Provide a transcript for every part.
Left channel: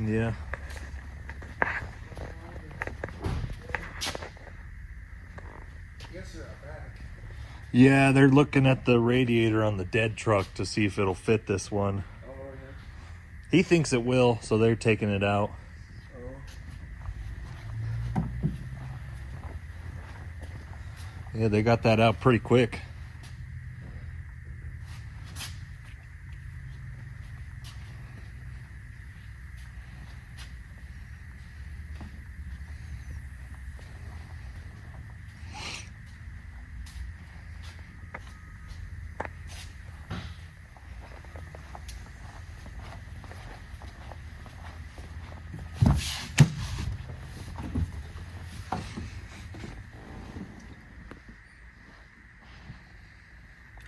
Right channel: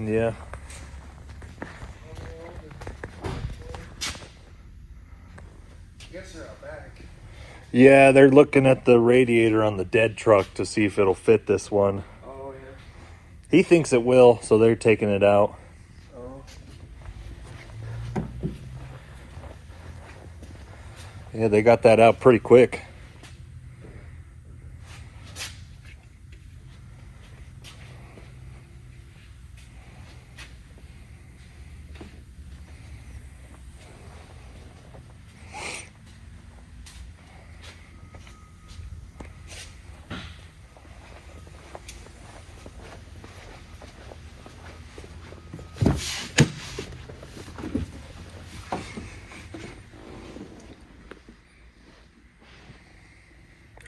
Yeah. Yeah, they're looking at the radiator on the dead truck to see if it'll fit this one. Oh, yeah. He thinks it will, so they're taking it out. Oh. Yeah, they got that out pretty quick.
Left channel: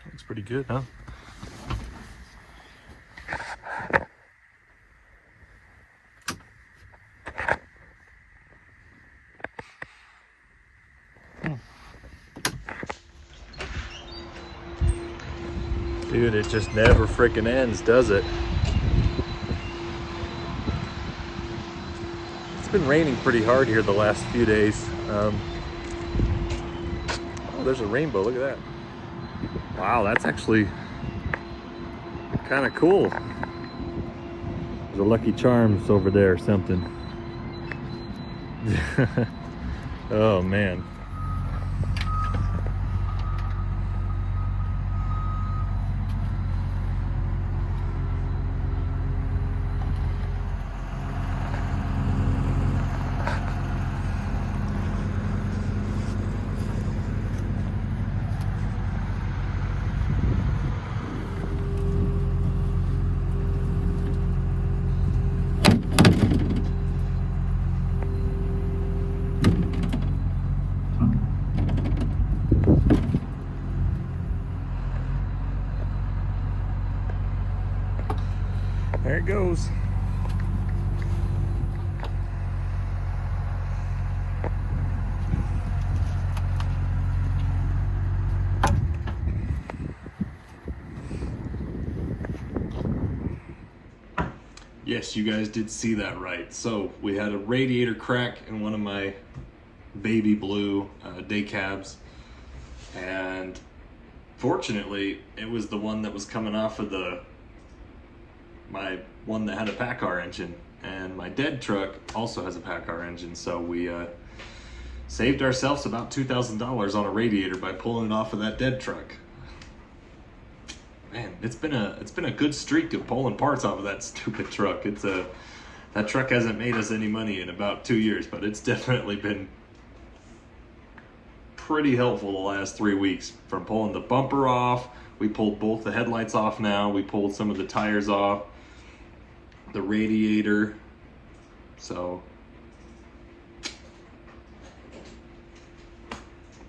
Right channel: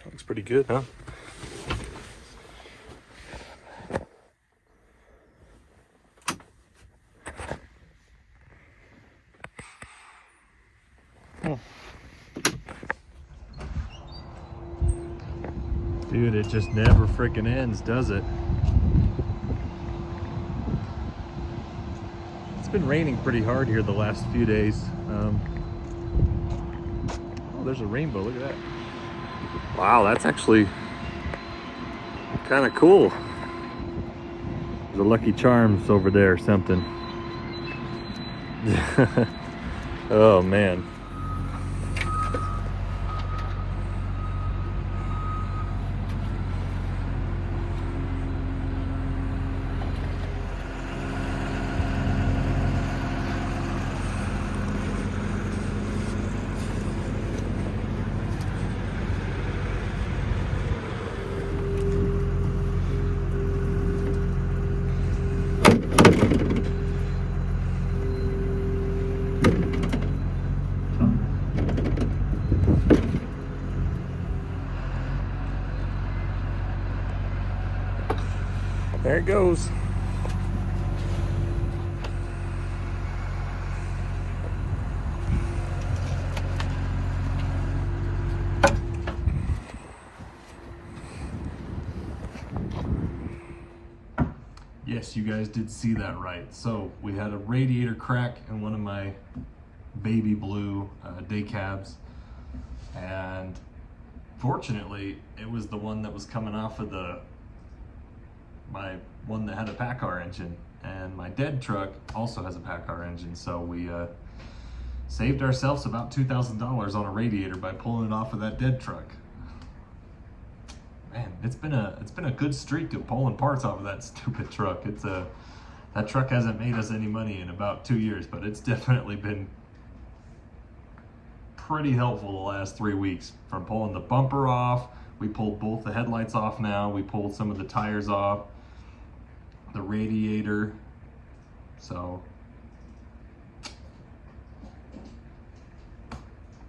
Looks pretty good, huh? Dude, it just never freaking ends, does it? It's been raining pretty hard here the last few days. Oh, there's a rainbow, look at that. Wow, that's actually kind of cool. There's a Lucky Charms over there or something. Oh man. There it goes. Yes, you guys did see that right. So we had a radiator crack in one of my baby blue day cabs, and fortunately it was the one that was coming off of my one that had a PACCAR engine, and my dead truck also has a PACCAR engine, so we saved ourselves about $2,000 on a radiator by pulling it off of that dead truck. Man, it's been a good streak of pulling parts off of that stupid truck. That truck hasn't made us any money in about 2 years, but it's definitely been pretty helpful the last 3 weeks. From pulling the bumper off, we pulled both the headlights off now, we pulled some of the tires off, the radiator. So,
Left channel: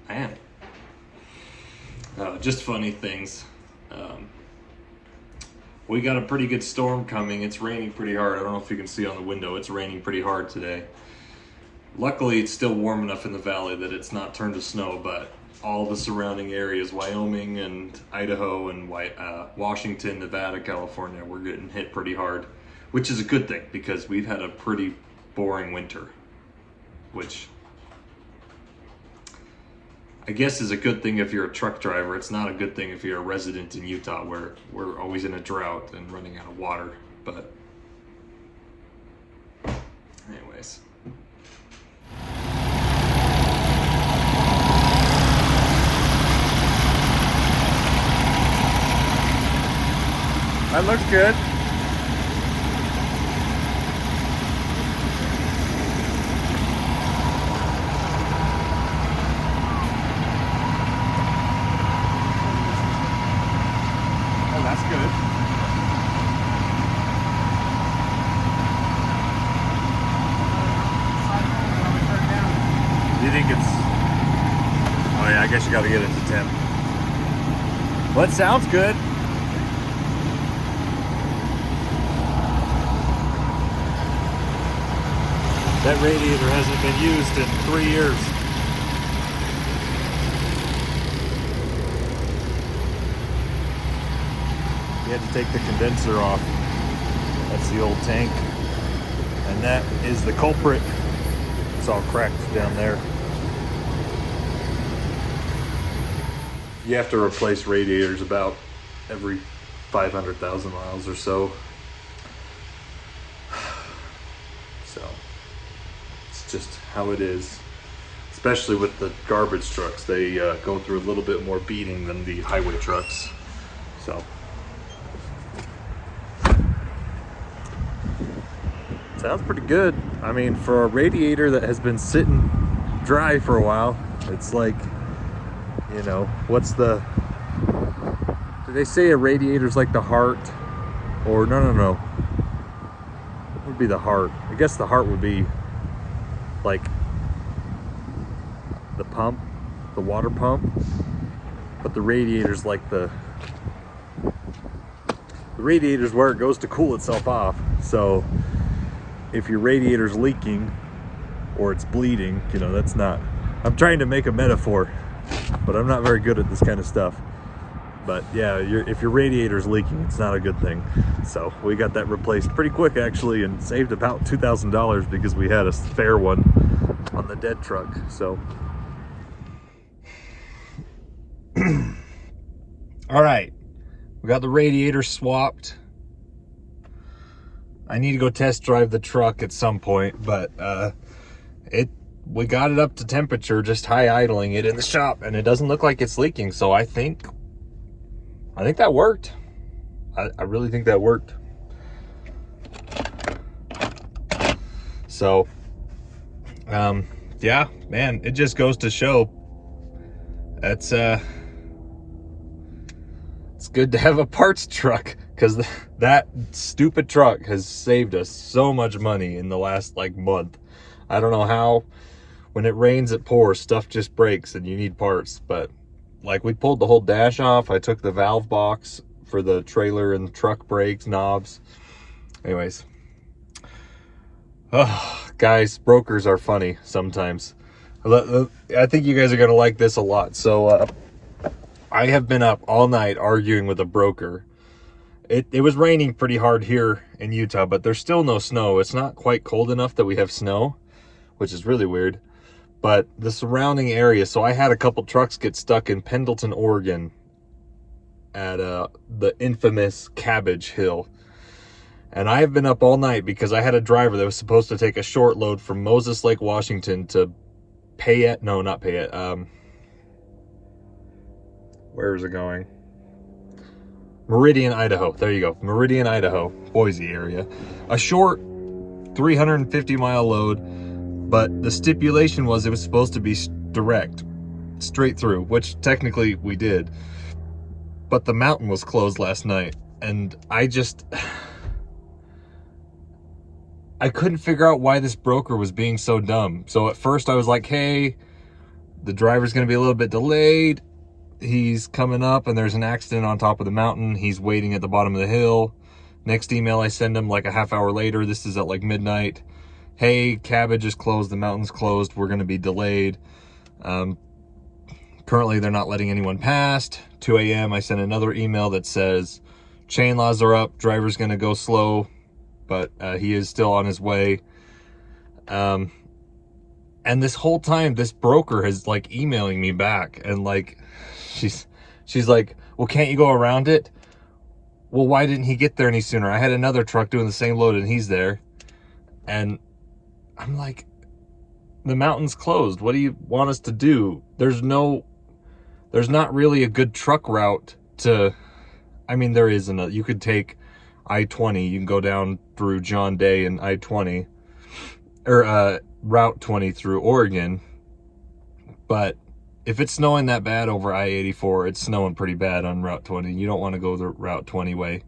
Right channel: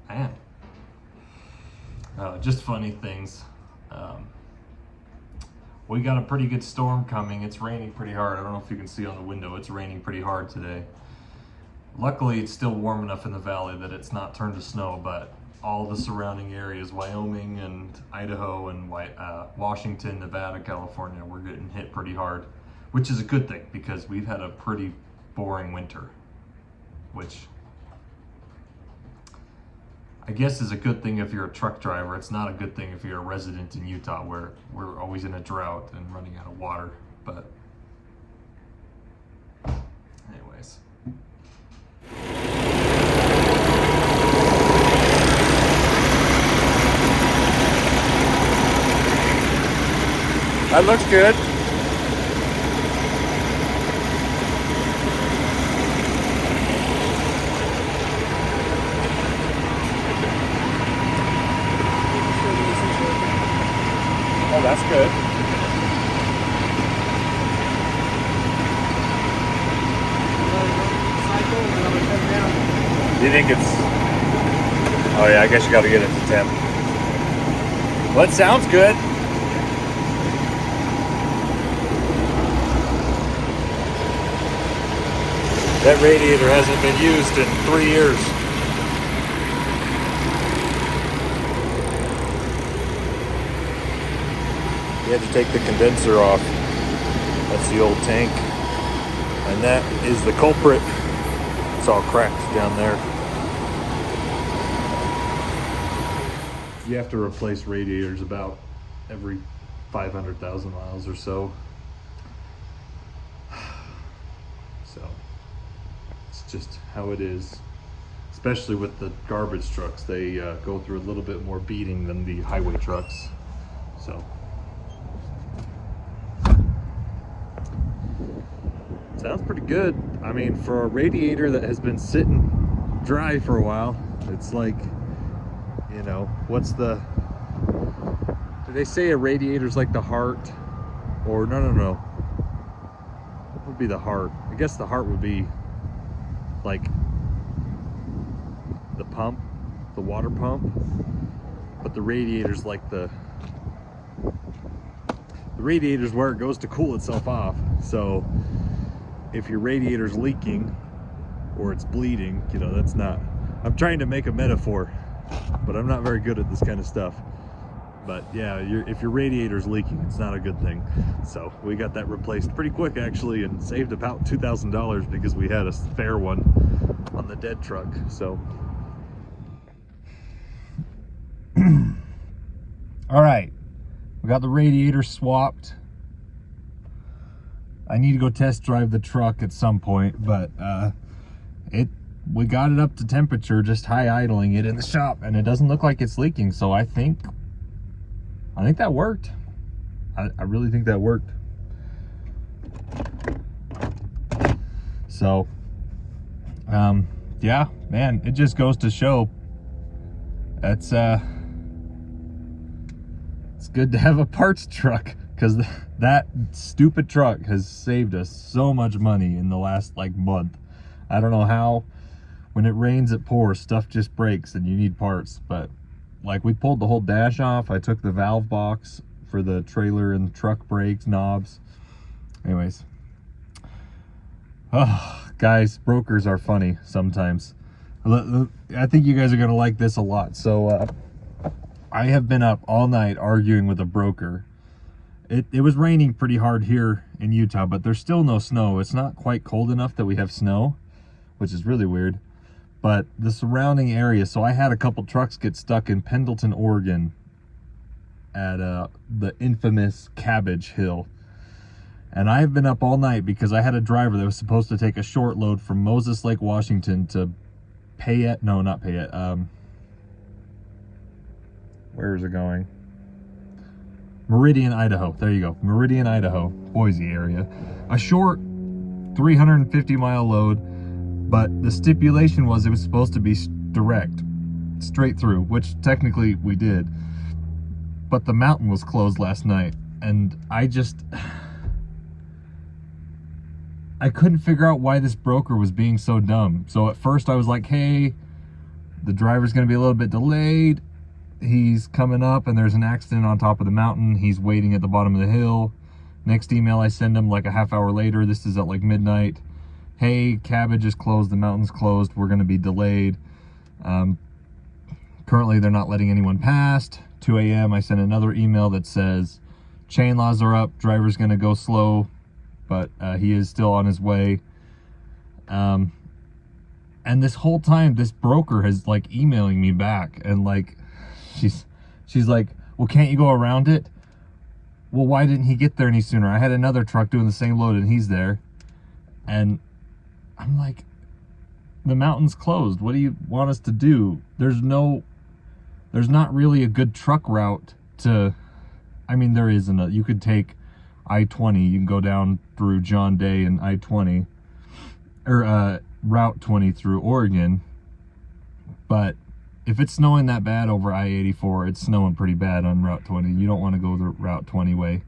man, just funny things. We got a pretty good storm coming. It's raining pretty hard. I don't know if you can see on the window, it's raining pretty hard today. Luckily, it's still warm enough in the valley that it's not turned to snow, but all the surrounding areas, Wyoming and Idaho and Washington, Nevada, California, we're getting hit pretty hard, which is a good thing because we've had a pretty boring winter, which I guess is a good thing if you're a truck driver. It's not a good thing if you're a resident in Utah, where we're always in a drought and running out of water. But anyways. That looks good. Oh, that's good. Do you think it's... Oh yeah, I guess you gotta get it to 10. Well, it sounds good. That radiator hasn't been used in 3 years. You had to take the condenser off. That's the old tank. And that is the culprit. It's all cracked down there. You have to replace radiators about every 500,000 miles or so. So it's just how it is. Especially with the garbage trucks, they go through a little bit more beating than the highway trucks. So sounds pretty good. I mean, for a radiator that has been sitting dry for a while, it's like, you know, what's the, do they say a radiator's like the heart? Or no. What would be the heart? I guess the heart would be like the pump, the water pump, but the radiator's like the radiator's where it goes to cool itself off. So if your radiator's leaking or it's bleeding, you know, that's not, I'm trying to make a metaphor, but I'm not very good at this kind of stuff. But yeah, if your radiator's leaking, it's not a good thing. So we got that replaced pretty quick actually, and saved about $2,000 because we had a spare one on the dead truck. So all right, we got the radiator swapped. I need to go test drive the truck at some point, but we got it up to temperature, just high idling it in the shop, and it doesn't look like it's leaking. So I think that worked. I really think that worked. So yeah, man, it just goes to show it's good to have a parts truck, because that stupid truck has saved us so much money in the last like month. I don't know how, when it rains it pours, stuff just breaks and you need parts. But like, we pulled the whole dash off. I took the valve box for the trailer and truck brakes, knobs. Anyways, oh, guys, brokers are funny sometimes. I think you guys are gonna like this a lot. So I have been up all night arguing with a broker. It was raining pretty hard here in Utah, but there's still no snow. It's not quite cold enough that we have snow, which is really weird. But the surrounding area, so I had a couple trucks get stuck in Pendleton, Oregon at the infamous Cabbage Hill. And I have been up all night because I had a driver that was supposed to take a short load from Moses Lake, Washington to Payette, no, not Payette, where is it going? Meridian, Idaho. There you go. Meridian, Idaho, Boise area. A short 350-mile load, but the stipulation was it was supposed to be direct, straight through, which technically we did. But the mountain was closed last night, and I couldn't figure out why this broker was being so dumb. So at first I was like, hey, the driver's gonna be a little bit delayed. He's coming up and there's an accident on top of the mountain. He's waiting at the bottom of the hill. Next email I send him like a half hour later. This is at like midnight. Hey, Cabbage is closed. The mountain's closed. We're going to be delayed. Currently, they're not letting anyone past. 2 a.m. I sent another email that says chain laws are up. Driver's going to go slow, but he is still on his way. And this whole time, this broker is like emailing me back, and like, she's like, well, can't you go around it? Well, why didn't he get there any sooner? I had another truck doing the same load and he's there. And I'm like, the mountain's closed. What do you want us to do? There's not really a good truck route to, I mean, there isn't. You could take I-20. You can go down through John Day and I-20, or Route 20 through Oregon. But if it's snowing that bad over I-84, it's snowing pretty bad on Route 20. You don't want to go the Route 20 way.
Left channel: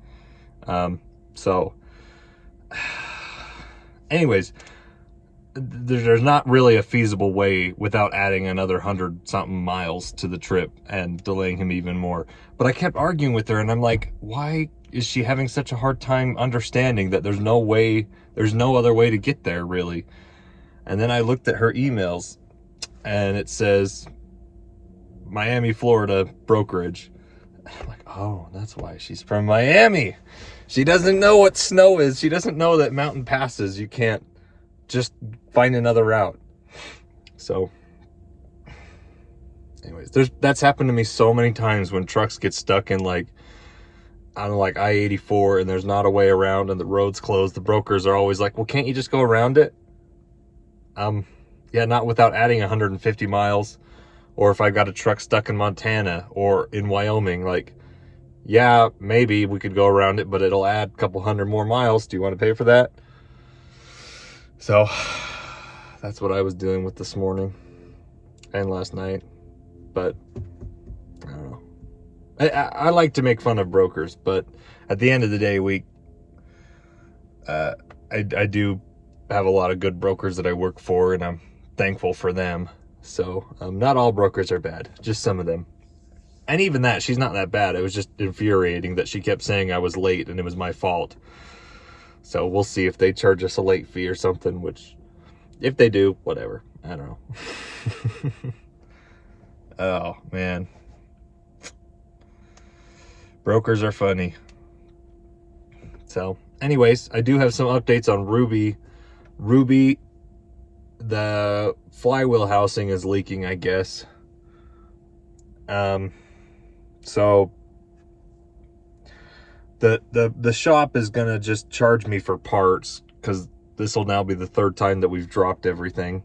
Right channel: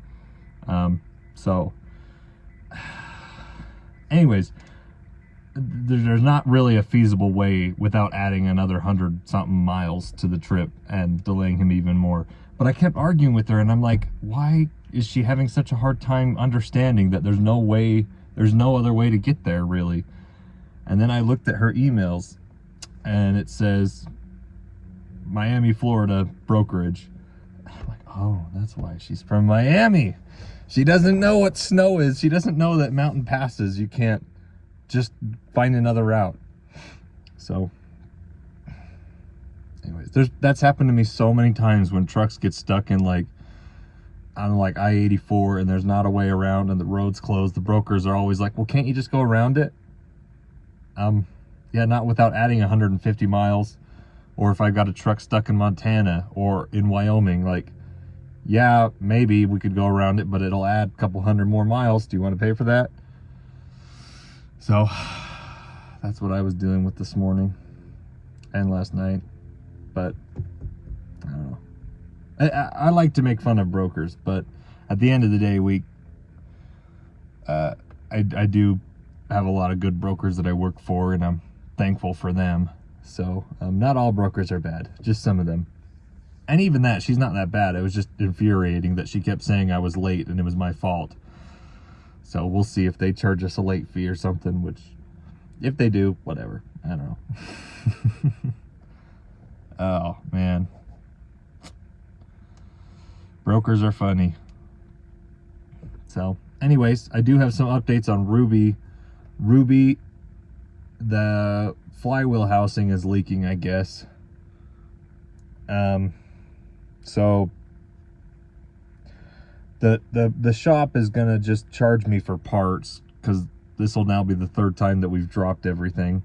So anyways, there's not really a feasible way without adding another 100-something miles to the trip and delaying him even more. But I kept arguing with her, and I'm like, why is she having such a hard time understanding that there's no other way to get there, really? And then I looked at her emails, and it says Miami, Florida brokerage. I'm like, oh, that's why she's from Miami. She doesn't know what snow is. She doesn't know that mountain passes. You can't just find another route. So anyways, that's happened to me so many times when trucks get stuck in like, I don't know, like I-84 and there's not a way around and the road's closed. The brokers are always like, well, can't you just go around it? Yeah, not without adding 150 miles. Or if I got a truck stuck in Montana or in Wyoming, like, yeah, maybe we could go around it, but it'll add a couple hundred more miles. Do you want to pay for that? So that's what I was dealing with this morning and last night. But I don't know. I like to make fun of brokers, but at the end of the day, I do have a lot of good brokers that I work for, and I'm thankful for them. So not all brokers are bad, just some of them. And even that, she's not that bad. It was just infuriating that she kept saying I was late and it was my fault. So we'll see if they charge us a late fee or something, which if they do, whatever. I don't know. Oh, man. Brokers are funny. So anyways, I do have some updates on Ruby. Ruby, the flywheel housing is leaking, I guess. So the shop is gonna just charge me for parts, because this will now be the third time that we've dropped everything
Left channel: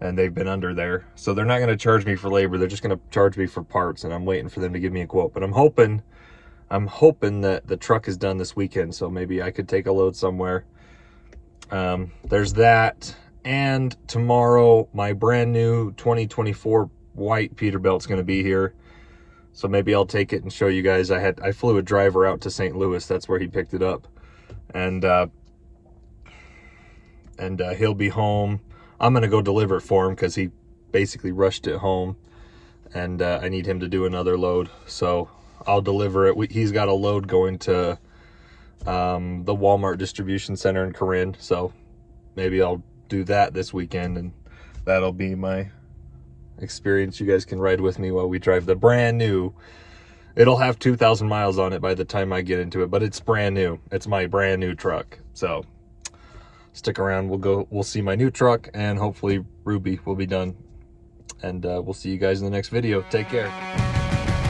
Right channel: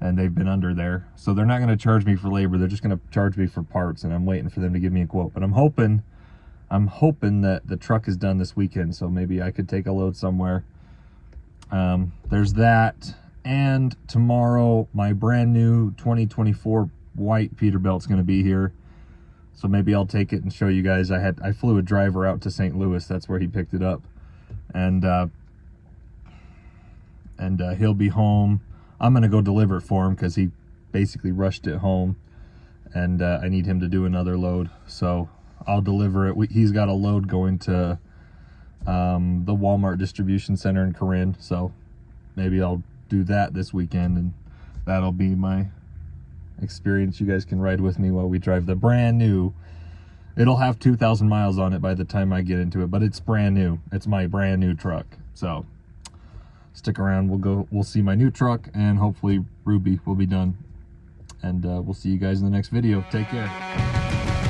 and they've been under there. So they're not gonna charge me for labor, they're just gonna charge me for parts, and I'm waiting for them to give me a quote. But I'm hoping that the truck is done this weekend, so maybe I could take a load somewhere. There's that. And tomorrow, my brand new 2024 white Peterbilt's gonna be here. So maybe I'll take it and show you guys. I flew a driver out to St. Louis. That's where he picked it up. And he'll be home. I'm gonna go deliver it for him because he basically rushed it home. And I need him to do another load. So I'll deliver it. He's got a load going to the Walmart distribution center in Corinne. So maybe I'll do that this weekend, and that'll be my experience. You guys can ride with me while we drive the brand new. It'll have 2,000 miles on it by the time I get into it, but it's brand new. It's my brand new truck. So stick around. We'll see my new truck, and hopefully Ruby will be done. And we'll see you guys in the next video. Take care.